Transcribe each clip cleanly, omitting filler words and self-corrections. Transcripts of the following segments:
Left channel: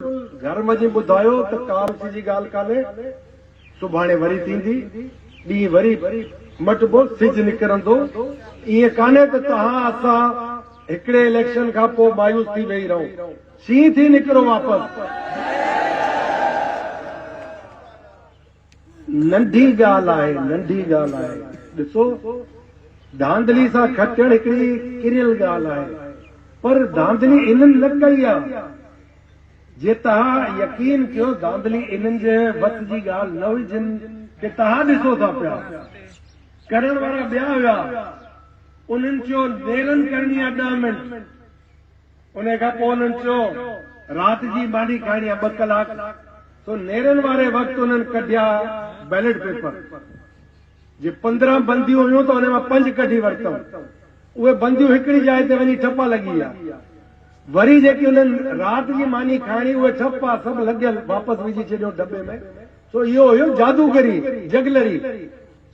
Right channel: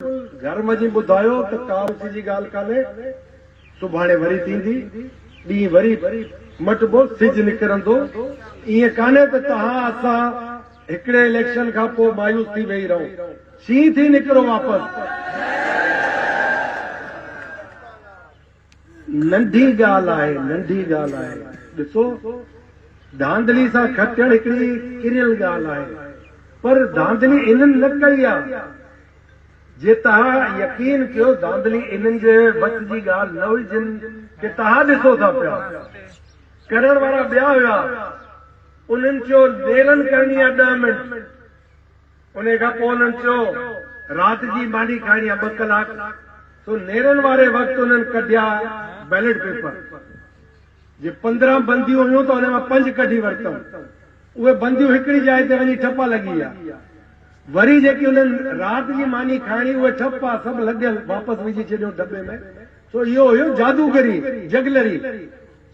घर में बुधायो तो काल जी गाल काले सुभाणे वरी थींदी डी वरी मटबो सिज निकरंदो इए काने त तहां असां हिकड़े इलेक्शन का पो मायूस थी वही रहो सी थी निकरो वापस नंढी गाल आहे ॾिसो धांधली सां खटण हिकड़ी किरियल गाल आहे पर धांधली इन्हनि न कई आहे जे तहां यकीन कयो धांधली इन्हनि जे वत जी गाल न हुई जिन के तहां ॾिसो था पिया करण वारा ॿिया हुआ उन्हनि चयो नेरन करणी आहे 10 मिंट उन खां पोइ उन्हनि चयो राति जी मानी खाइणी आहे 2 कलाक तो नेरन वारे वक़्तु उन्हनि कढिया बैलेट पेपर जे 15 बंदियूं हुयूं त उन मां 5 कढी वरितऊं उहे बंदियूं हिकड़ी जाइ ते वञी ठपा लॻी आहे वरी जेकी उन्हनि राति जी मानी खाइणी उहे ठपा सभु लॻियल वापसि विझी छॾियो दॿे में सो इहो हुयो जादूगरी जगलरी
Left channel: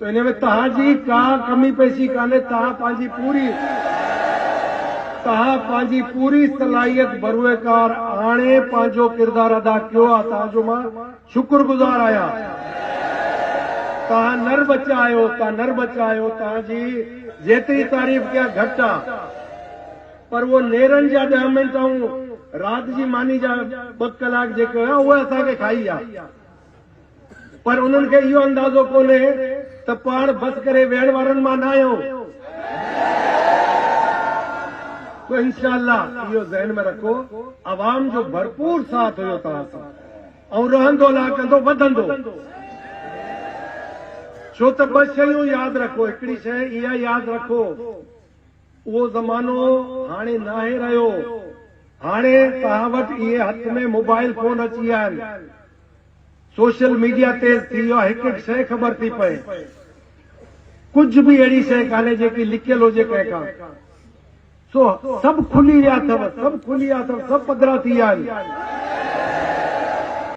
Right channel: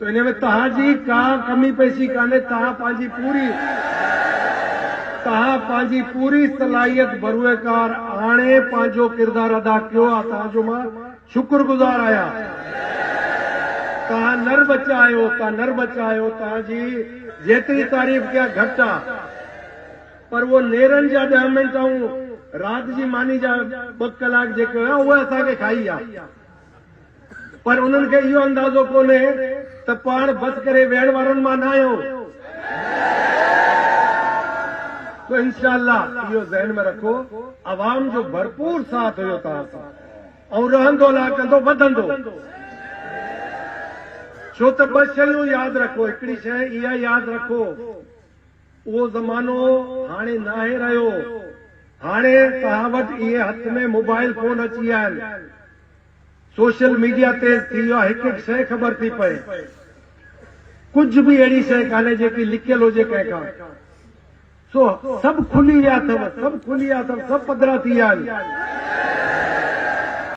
तो इन में तव्हांजी का कमी पेशी कान्हे तव्हां पंहिंजी पूरी सलाहियत बरूएकार आणे पंहिंजो किरदार अदा कयो आहे तव्हांजो मां शुक्रगुज़ार आहियां तव्हां नर बचा आहियो तव्हांजी जेतिरी तारीफ़ कया घटि आहे पर वो नेरन जा 10 मिंट ऐं राति जी मानी जा 2 कलाक जेके हुआ उहे असांखे खाई आहे पर उन्हनि खे इहो अंदाज़ो कोन्हे त पाण बस करे वेहण वारनि मां न आहियूं तो इंशाअल्लाह इहो ज़हन में रखो अवाम जो भरपूर साथ हुयो तव्हां सां ऐं रहंदो लाकंदो वधंदो छो त 2 शयूं यादि रखो हिकड़ी शइ इहा यादि रखो उहो ज़मानो हाणे नाहे रहियो हाणे तव्हां वटि इहे हथ में मोबाइल फोन अची विया आहिनि सोशल मीडिया तेज़ थी वियो आहे हिकु हिकु शइ ख़बर थी पए कुझु बि अहिड़ी शइ कान्हे जेकी लिकियल हुजे कंहिंखां सो सभु खुली विया अथव सभु पधरा थी विया आहिनि